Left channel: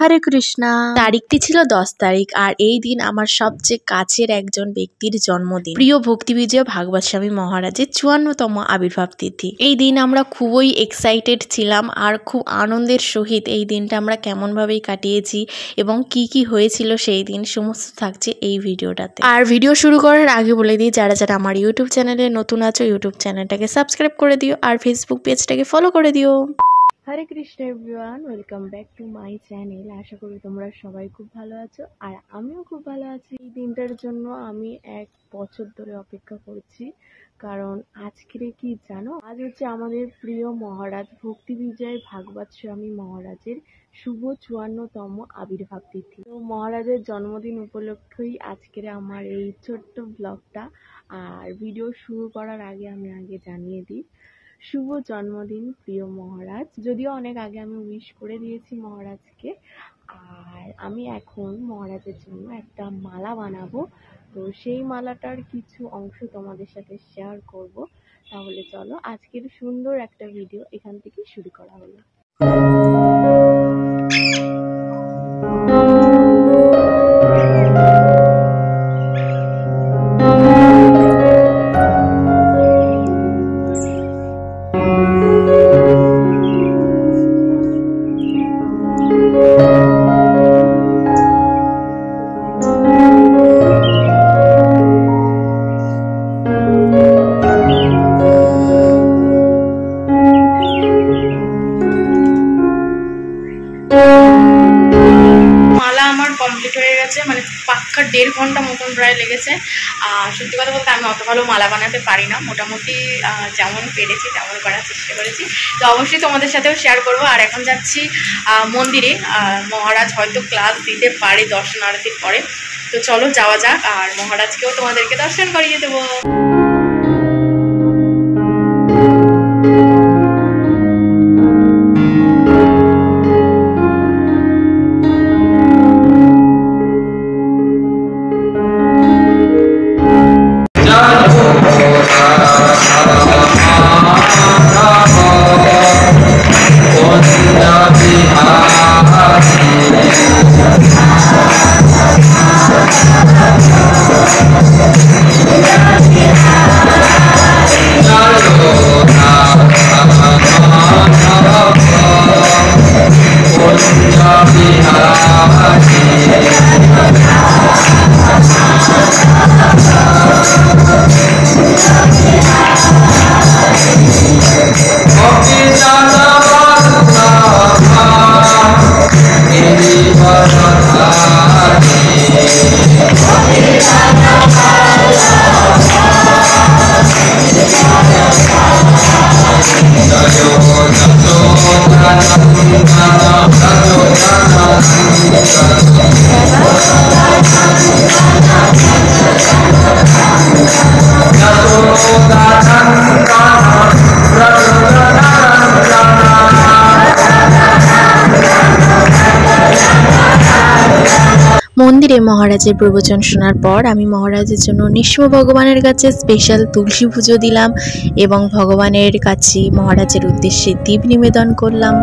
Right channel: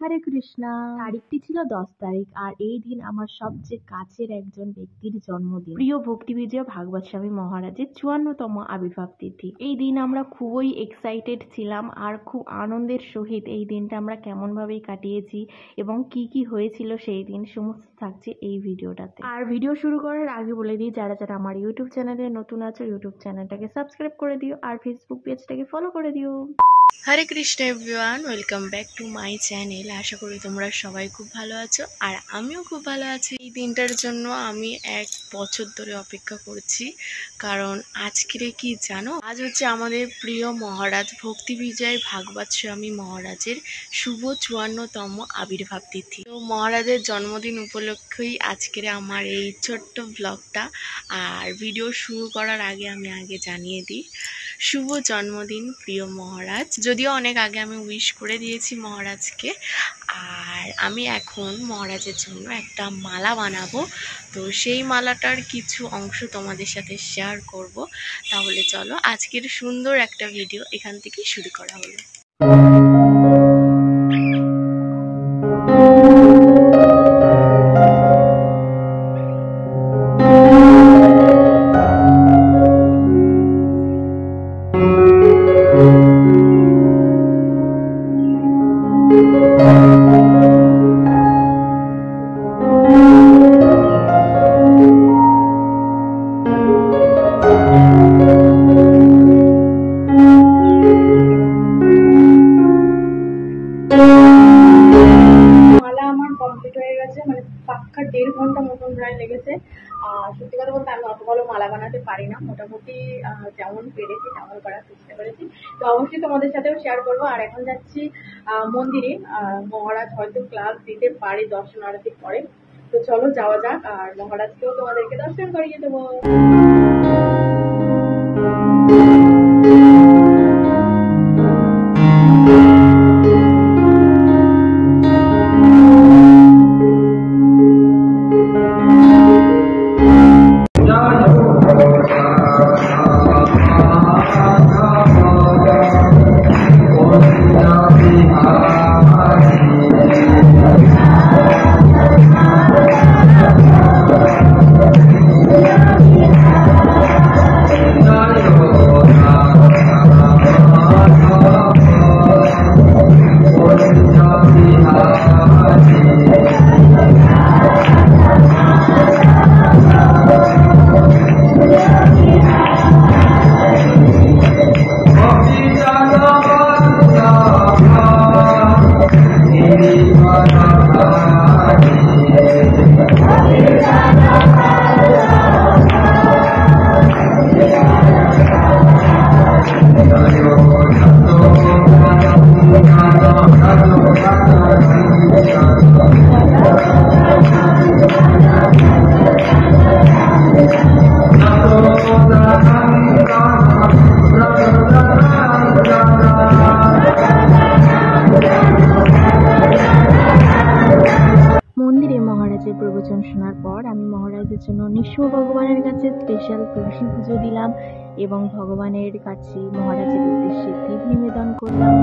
হরে কৃষ্ণা। তারিখটি ছিল 10 তারিখ, আর এই দিন আমার সবচেয়ে কাছের একজন ব্যক্তির জন্মদিন। প্রিয় ভক্তি বিজয় ভাগবত স্বামী মহারাজের 54তম আবির্ভাব তিথি। এই দিন আমরা খুবই এক্সাইটেড ছিলাম, আর খুব আনন্দের সহিত এই দিনটা আমরা কেমনভাবেই কাটিয়েছি এবং কি কি হয়েছিল সেই দিন সমস্ত থাকছে এই ভিডিওটাতে। আর ভিডিও শুরু করার আগে বলে দিই, যারা যারা আমার ইউটিউব চ্যানেলে নতুন আছো ইউটিউব চ্যানেলটাকে সাবস্ক্রাইব করে দিও, আর ফেসবুক পেজটাকে ফলো করে দিও। Hare Krishna everyone, welcome back to my channel. আশা করি তোমরা সবাই খুব ভালো আছো, আর আমিও খুব ভালো আছি। এই দিনটার জন্য আমি 1 বছর ধরে অপেক্ষা করছি, কারণ আজকের কি জানো, আজ হচ্ছে আমাদের প্রিয় মহারাজ ভক্তি বিজয় ভাগবত স্বামী মহারাজের শুভ 54তম আবির্ভাব তিথি। তো মহারাজের জন্মদিন উপলক্ষেই আজকের আমার এই ছোট্ট ব্লগটা। আর ভিডিও শুরু করার আগে আমি জানিয়ে দিই, শুভ জন্মদিন প্রিয় মহারাজ। যদিও অনেক আগে আমি উইশ করে দিয়েছি মহারাজকে, আর আমি এখন মহারাজের জন্য একটা মালা বানাবো। তো সেই মালাটার কিছু অংশ তোমাদের সাথে শেয়ার করব। তাহলে চলো আজকের সুন্দর একটা ভিডিও এখান থেকে শুরু করা হলো। মালা আমার কমপ্লিট হয়ে গেছে, মানে পাক্কা 1.5 ঘন্টা মতন প্রায় লেগেছে। সত্যি কথা বলতে আমি অত ভালো মালা বানাতে পারি না, মোটামুটি যেমন পেরেছি তেমন করার চেষ্টা করেছি। তো অবশ্যই তোমাদের সাথেও শেয়ার করবো। আর এখন যাচ্ছি মন্দিরে, মহারাজ হয়তো ক্লাস দিতে পারে দর্শন আরতির পরে। তো চলো যাওয়া যাক, আর মহারাজকেও তোমাদেরকে দর্শন করিয়ে দেবো। মন্দিরে মহারাজের প্রবচন শোনার পর আমি মহারাজের জন্য নৃসিংহ ভগবানের কাছে স্পেশাল তুলসী পুজো দিলাম এবং ভগবানের কাছে মহারাজের উদ্দেশ্যে দীপ নিবেদন করলাম।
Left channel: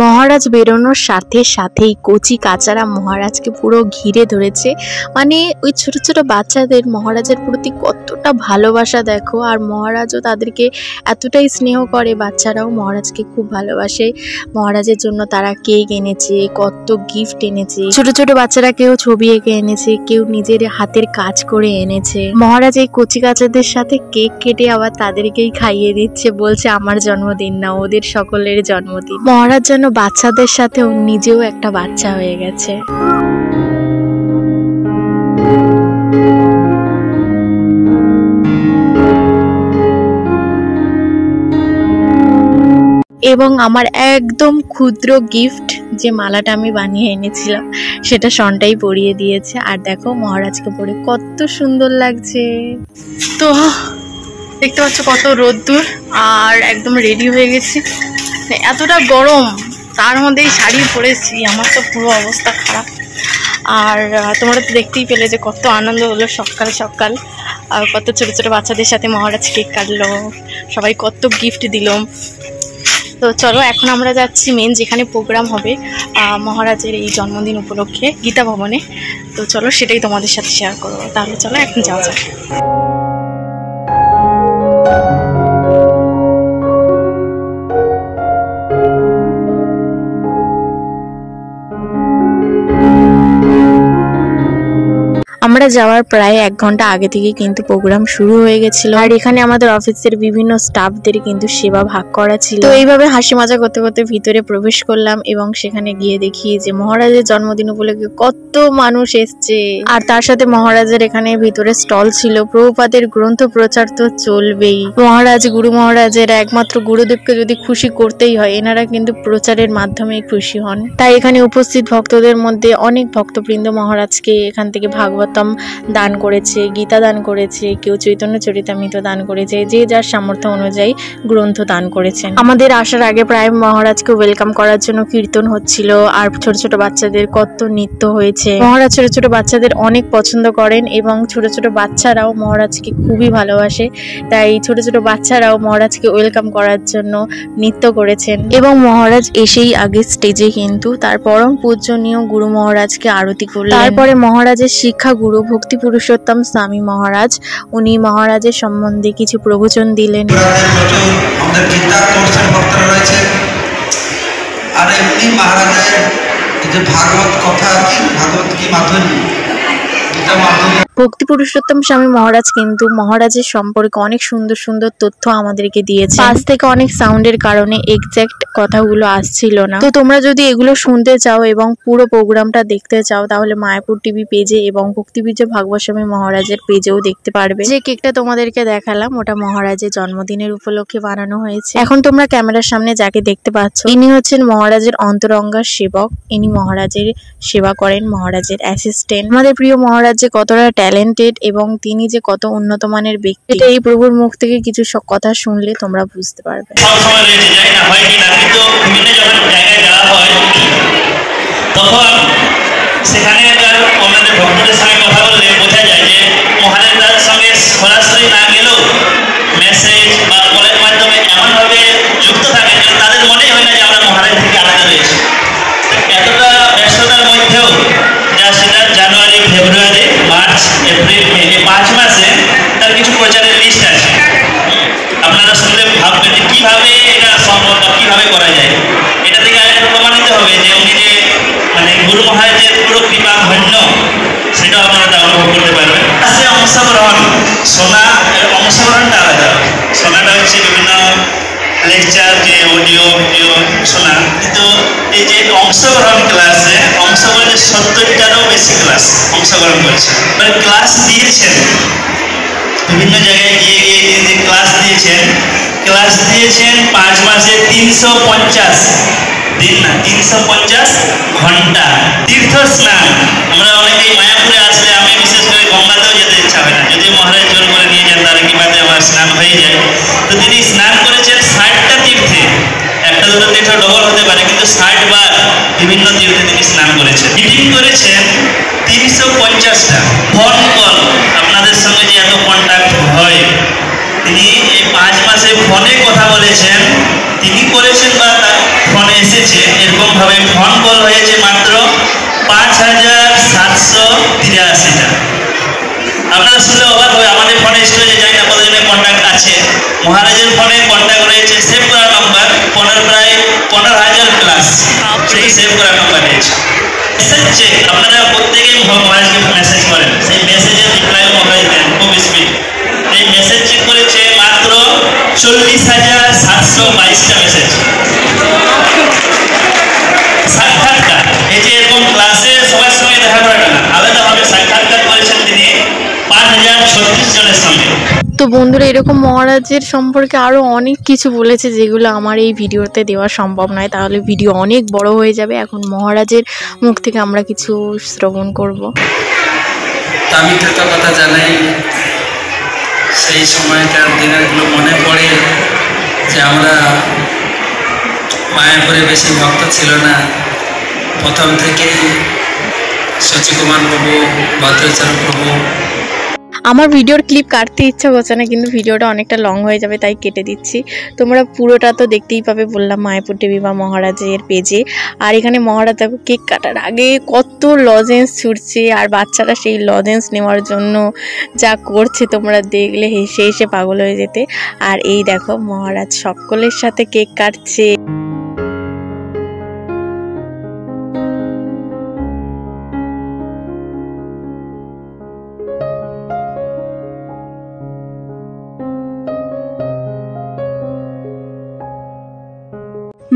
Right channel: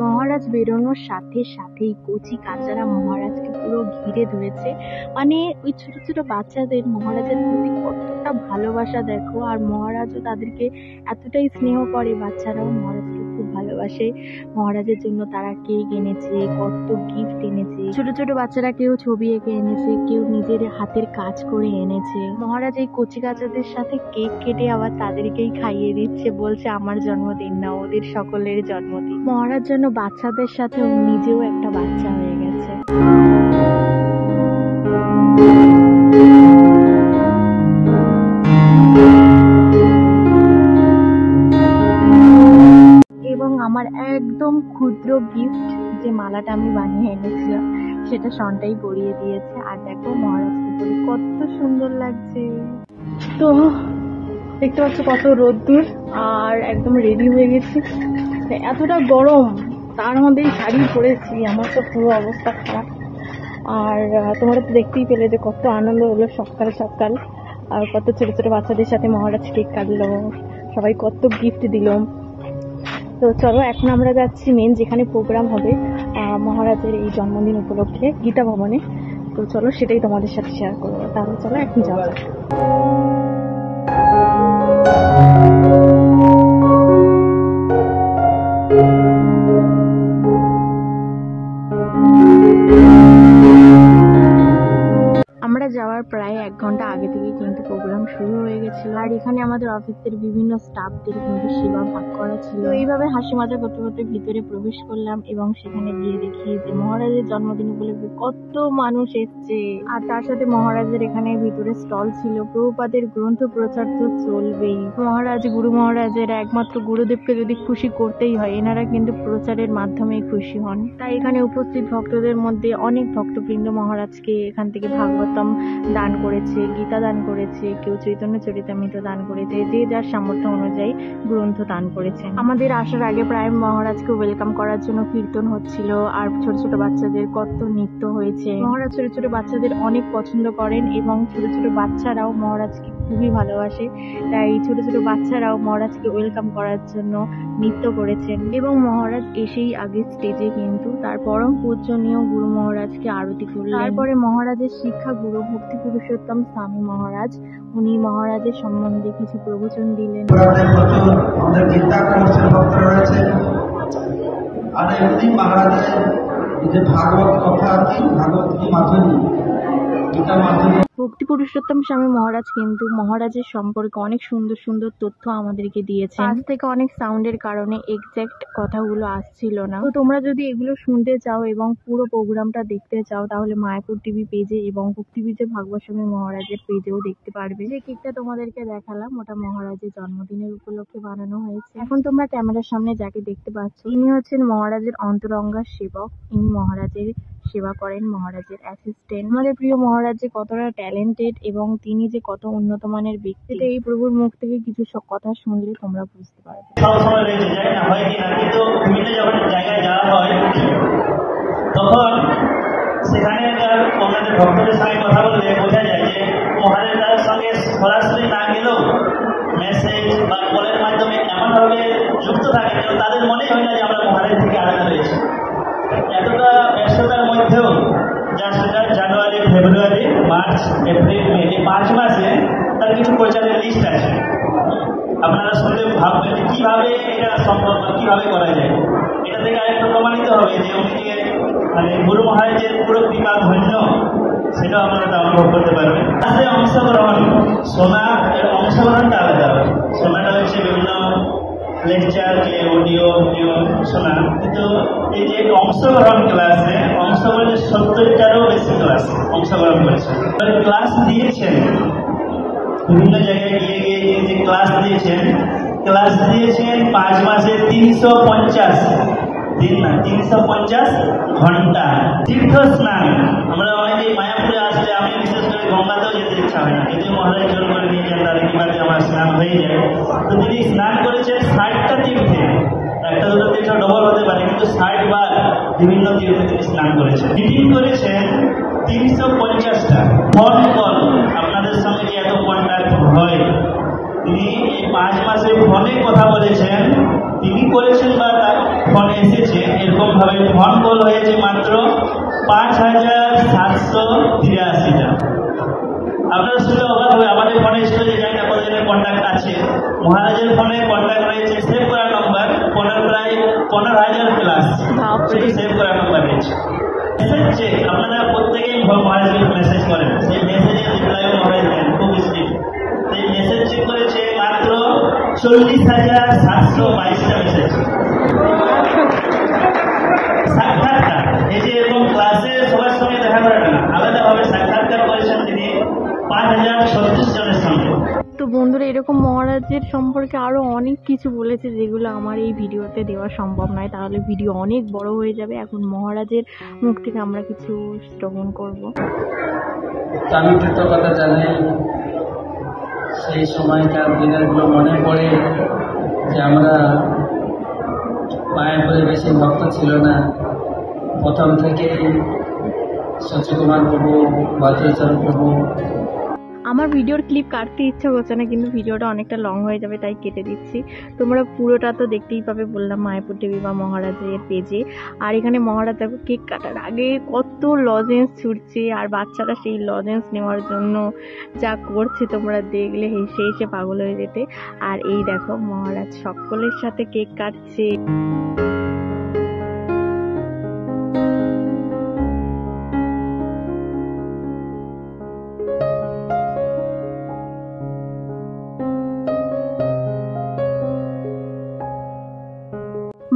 মহারাজ বেরোনোর সাথে সাথেই কচি কাচারা মহারাজকে পুরো ঘিরে ধরেছে। মানে ওই ছোট ছোট বাচ্চাদের মহারাজের প্রতি কতটা ভালোবাসা দেখো, আর মহারাজও তাদেরকে এতটাই স্নেহ করে, বাচ্চারাও মহারাজকে খুব ভালোবাসে। মহারাজের জন্য তারা কেক এনেছে, কত গিফট এনেছে, ছোট ছোট বাচ্চারা কেউ ছবি এঁকে এনেছে, কেউ নিজের হাতের কাজ করে এনেছে। মহারাজ এই কচি কাচাদের সাথে কেক কেটে আবার তাদেরকেই খাইয়ে দিচ্ছে, বলছে আমার জন্মদিন না, ওদের সকলের জন্মদিন। মহারাজ যেন বাচ্চাদের সাথে ও নিজেও একটা বাচ্চা হয়ে গেছে। এবং আমার একদম ক্ষুদ্র গিফট যে মালাটা আমি বানিয়ে এনেছিলাম সেটা সনটাই পরিয়ে দিয়েছে। আর দেখো মহারাজকে পরে কত সুন্দর লাগছে। তো দেখতে পাচ্ছ কত রোদ্দুর, আর একদম রেডি হয়ে গেছি। এতটা গরম, তার মধ্যেই শাড়ি পরেছি, আমার তো পুরো অবস্থা খারাপ। আর তোমরা তো দেখতেই পেলে যে কত আনন্দ হলো সকাল সকাল, আর কত ছোটো ছোটো বাচ্চাদের সাথে মহারাজ কেক কাটলো, সবাই কত গিফট দিল। তো চলো এখন আমরা যাচ্ছি মেন যেখানে প্রোগ্রাম হবে মহারাজের এই জন্মদিন উপলক্ষে গীতা ভবনে। তো চলো সেটাই তোমাদের সাথে শেয়ার করবো। তাহলে চলো এখন যাওয়া যাক। আমরা যাওয়ার প্রায় 1 ঘন্টা আগে থেকে কিন্তু প্রোগ্রাম শুরু হয়ে গেছিল, আর এখানে আমাদের অফিসের বিভিন্ন স্টাফদের কিন্তু সেবা ভাগ করা ছিল। তো এইভাবে হাসি মজা করতে করতে ভিতরে প্রবেশ করলাম, এবং সেখানে গিয়ে দেখি যে মহারাজের জন্মদিন উপলক্ষে কত মানুষ এসছে। আর তার সাথে মহারাজের এখানে ভিতরে স্টল ছিল, প্রভুপাদের গ্রন্থ প্রচার তো চলবেই। মহারাজ গুরু মহারাজের একমাত্র গুরুদেবকে যদি খুশি করতেই হয়, এনারা কিন্তু প্রচারের মাধ্যমে খুশি হন। তাই এখানে উপস্থিত ভক্তদের মধ্যে অনেক ভক্তবৃন্দ মহারাজকে এখান থেকে ভাগবত দান করেছে, গীতা দান করেছে, কেউ চৈতন্য চরিতামৃত দান করেছে, যে যার সামর্থ্য অনুযায়ী গ্রন্থ দান করেছেন। আমাদের আসার আগে প্রায় মহারাজকে ওয়েলকাম করার জন্য কীর্তন হচ্ছিল, আর ছোট ছোট বাচ্চাদের কত নৃত্য হয়েছে। মহারাজ ছোট ছোট বাচ্চাদের অনেক পছন্দ করেন, এবং ছোট ছোট বাচ্চারাও মহারাজকে খুবই ভালোবাসে। তাই ছোট ছোট বাচ্চারাও মহারাজকে ওয়েলকাম করার জন্য নৃত্য করেছেন। এবং মহারাজ এসেই আগে স্টেজে কিন্তু তার পরম পূজনীয় গুরু মহারাজকে আরতি করলেন। তারপরে মহারাজের শিক্ষা গুরু ভক্তি পুরুষোত্তম স্বামী মহারাজ, উনি মহারাজের সম্বন্ধে কিছু প্রবচন দিলেন। আমাদের গীতা কোর্সের ভক্তরা রয়েছে, আর এমনি মহারাজের যে ভাগবত কথা কি, ভাগবত কি মাধুরী, গীতা মাধুরী। ভক্তি পুরুষোত্তম স্বামী মহারাজ কিন্তু মহারাজের সম্পর্কে অনেক সুন্দর সুন্দর তথ্য আমাদেরকে দিয়েছে। পাশ থেকে অনেক সাউন্ডের কারণে এক্সাক্ট কথাগুলো আসছিল না। তো তোমরা যদি এগুলো শুনতে চাও এবং পুরো প্রোগ্রামটা দেখতে চাও, তাহলে মায়াপুর টিভি পেজে এবং ভক্তিবিজয় ভাগবত স্বামী মহারাজের পেজেও দেখতে পারবে। যে কেকটা তোমাদেরকে দেখালাম ওটা মহারাজের জন্মদিনের উপলক্ষে বানানো হয়েছে। এখন তোমরা ক্যামেরার সামনে যাকে দেখতে পাচ্ছ, ইনি হচ্ছেন মহারাজের অন্তরঙ্গার সেবক। ইনি মহারাজের সেবা করেন, মহারাজের অ্যাসিস্ট্যান্ট। আমাদের প্রিয় মহারাজ যে কতটা ট্যালেন্টেড এবং তিনি যে কত উন্নত মানের ব্যক্তি, এটা এই প্রভুর মুখ থেকে কিছু সব কথা শুনলে তোমরা বুঝতে পারবে। তখন সেখানে ওনাদের ভক্তদের সঙ্গে কথা বললে বোঝা যায় যে মহারাজের সঙ্গে সরাসরি না গেলেও মেসেজ বা কলের মাধ্যমে এমনভাবে যুক্ত থাকে যে তাদের মনেই হয় না যে আমরা মহারাজ থেকে আলাদা রয়েছি। এতটা ব্যস্ততার মধ্যেও যা সেটা জানুয়ারি, ফেব্রুয়ারি, মার্চ, এপ্রিল, মে, এই 5 মাসে তার কিছু প্রচারের লিস্ট আছে। আপনারা শুনলে ভাববেন যে কীভাবে এটা সম্ভব, কীভাবে করা যায়। এটা থেকে আরেকটু প্রমাণিত হবে যে উনি যে মানে গুরু মহারাজের পুরো কৃপা ধন্য, সেটাও আপনারা অনুভব করতে পারবেন। সে অংশগ্রহণ, শোনা অংশগ্রহণটা আলাদা। শোনাটা হচ্ছে বিভিন্ন লেকচার, যে অডিও ভিডিও শোনা, কিন্তু এই যে অংশগ্রহণ ক্লাসে অংশগ্রহণ 70টারও বেশি ক্লাস অংশগ্রহণ করেছে। মানে ক্লাস দিয়েছেন বিভিন্ন জায়গায় গিয়ে গিয়ে যে ক্লাস দিয়েছেন 5 মাসে 350 দিন না, 350 ঘন্টা। তীর্থ স্নান, আমরা অনেকেই মায়াপুরে আসলে, আমি বিশেষ করে গঙ্গাতেও যেতে ইচ্ছা হয় না, যদি মহারাজ জোর করে নিয়ে যান তার কিভাবে আমার স্নান হয়ে যায়। তো তিনি স্নান করেছেন 60টা তীর্থে, একটা দুটো তীর্থ ডবল হতে পারে, কিন্তু 60 বার বিভিন্ন তীর্থে তিনি স্নান করেছেন। মিটিং করেছেন 350টা। ফোন কল, আপনাদের সঙ্গে যে এত কন্ট্যাক্ট হয়, তিনি এই 5 মাসে ফোনে কথা বলেছেন, তিনি করেছেন বা তার ফোনে এসেছে এর 5783টা। আপনারা শুনলে অবাক হবে, আমাদের ফোনে স্টোরেজে যাই না কতজনের কন্ট্যাক্ট আছে। মহারাজের ফোনে কন্ট্যাক্ট রয়েছে সেভ করা নম্বর প্রায় 15,000 প্লাস সেভ করা নম্বর রয়েছে। মেসেজ চেক আপনারা প্রত্যেকেই মহারাজকে মেসেজ করেন, সেই মেসেজের রিপ্লাই মহারাজ দেন খুব স্পিড। এই মেসেজ চেক করেছে মাত্র 40,722টা মেসেজ। সাক্ষাৎকার, এই যে এরকম ক্লাসে সবার সঙ্গে দেখা করাটা না, আলাদাভাবে সাক্ষাৎকার করেছেন তিনি 5,036 জনের সঙ্গে। তো বন্ধুরা, এরকম মহারাজের সম্পর্কে আরও অনেক কিছু বলেছে যেগুলো আমার এই ভিডিওতে দেওয়া সম্ভব নয়, তাহলে ভিডিও অনেক বড় হয়ে যাবে। এখন মহারাজের মুখ থেকে আমরা কিছু শ্রবণ করব। তো আমি কৃতজ্ঞতা জানাই, সেই সময়কার দিনেরগুলো মনে পড়ে যে আমরা মায়াপুরে বেশি ভক্ত ছিল না, প্রথম থেকেই শচীকুমার প্রভু, ভদ্রাচরণ প্রভু। আমার ভিডিওর ক্লিপ কাটতে ইচ্ছা করছে না, কিন্তু ভিডিওটা অনেকটা লং হয়ে যাবে তাই কেটে দিচ্ছি। তোমরা পুরোটা তো দেখতেই পাবে, বললাম মায়াপুর দেবী বা মহারাজের পেজে। আর এখানে মহারাজ দেখো কেক কাটার আগে কত লজেন্স ছুটছে, আর বাচ্চারা সেই লজেন্স নেওয়ার জন্য যা করছে তোমরা দেখলে হেসে হেসে পাগল হয়ে যেতে। আর এই দেখো মহারাজ সকলের সাথে কেক কাটছে।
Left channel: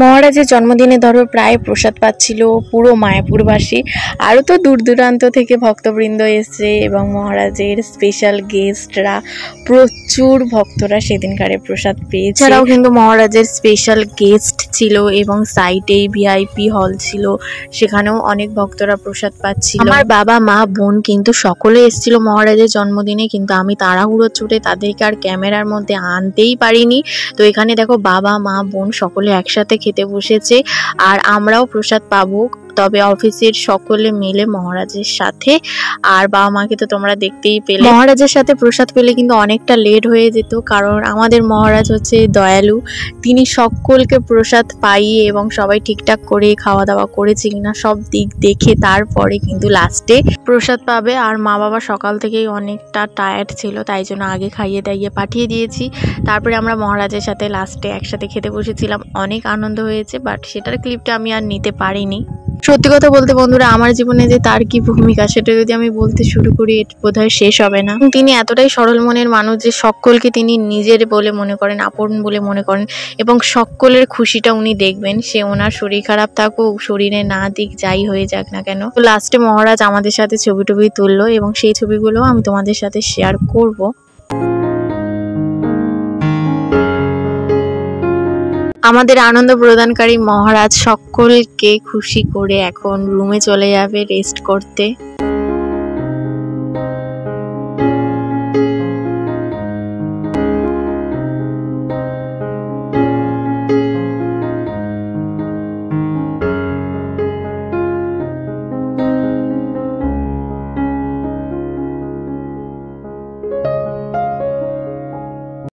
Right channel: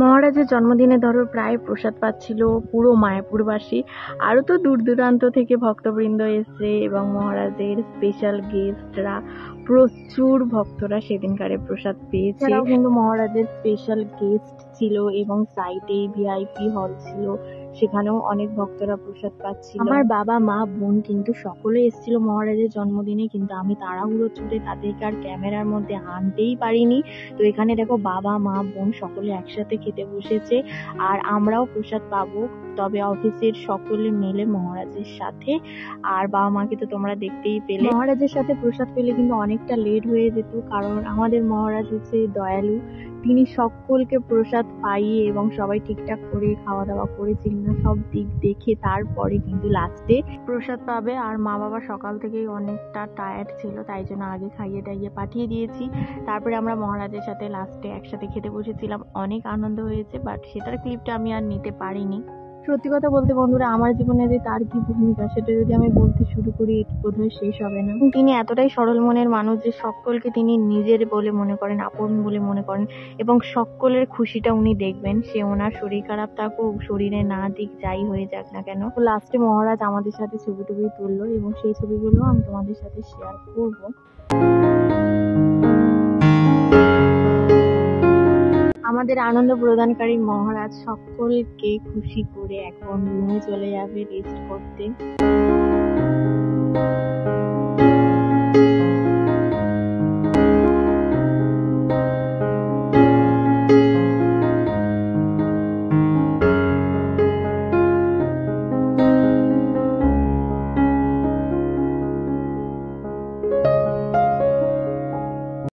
মহারাজের জন্মদিনে ধরো প্রায় প্রসাদ পাচ্ছিল পুরো মায়াপুরবাসী, আরও তো দূর দূরান্ত থেকে ভক্তবৃন্দ এসছে এবং মহারাজের স্পেশাল গেস্টরা, প্রচুর ভক্তরা সেদিনকারে প্রসাদ পেয়েছে। এছাড়াও কিন্তু মহারাজের স্পেশাল গেস্ট ছিল এবং সাইডেই ভিআইপি হল ছিল, সেখানেও অনেক ভক্তরা প্রসাদ পাচ্ছিল। আমার বাবা মা বোন কিন্তু সকলে এসেছিল মহারাজের জন্মদিনে, কিন্তু আমি তাড়াহুড়ো ছুটে তাদেরকে আর ক্যামেরার মধ্যে আনতেই পারিনি। তো এখানে দেখো বাবা মা বোন সকলে একসাথে খেতে বসেছে, আর আমরাও প্রসাদ পাবো, তবে অফিসের সকলে মিলে মহারাজের সাথে। আর বাবা মাকে তো তোমরা দেখতেই পেলে। মহারাজের সাথে প্রসাদ পেলে কিন্তু অনেকটা লেট হয়ে যেত, কারণ আমাদের মহারাজ হচ্ছে দয়ালু, তিনি সকলকে প্রসাদ পাইয়ে এবং সবাই ঠিকঠাক করে খাওয়া দাওয়া করেছে কিনা সব দিক দেখে তারপরে কিন্তু লাস্টে প্রসাদ পাবে। আর মা বাবা সকাল থেকেই অনেকটা টায়ার্ড ছিল, তাই জন্য আগে খাইয়ে দাইয়ে পাঠিয়ে দিয়েছি। তারপরে আমরা মহারাজের সাথে লাস্টে একসাথে খেতে বসেছিলাম, অনেক আনন্দ হয়েছে, বাট সেটার ক্লিপটা আমি আর নিতে পারিনি। সত্যি কথা বলতে বন্ধুরা, আমার জীবনে যে তার কি ভূমিকা সেটা যদি আমি বলতে শুরু করি বোধহয় শেষ হবে না। তিনি এতটাই সরল মনের মানুষ যে সকলকে তিনি নিজের বলে মনে করেন, আপন বলে মনে করেন, এবং সকলের খুশিটা উনি দেখবেন। সে ওনার শরীর খারাপ থাকুক, শরীরে না দিক, যাই হয়ে যাক না কেন। তো লাস্টে মহারাজ আমাদের সাথে ছবি টবি তুললো এবং সেই ছবিগুলো আমি তোমাদের সাথে শেয়ার করব। আমাদের আনন্দ প্রদানকারী মহারাজ সকলকে খুশি করে এখন রুমে চলে যাবে রেস্ট করতে।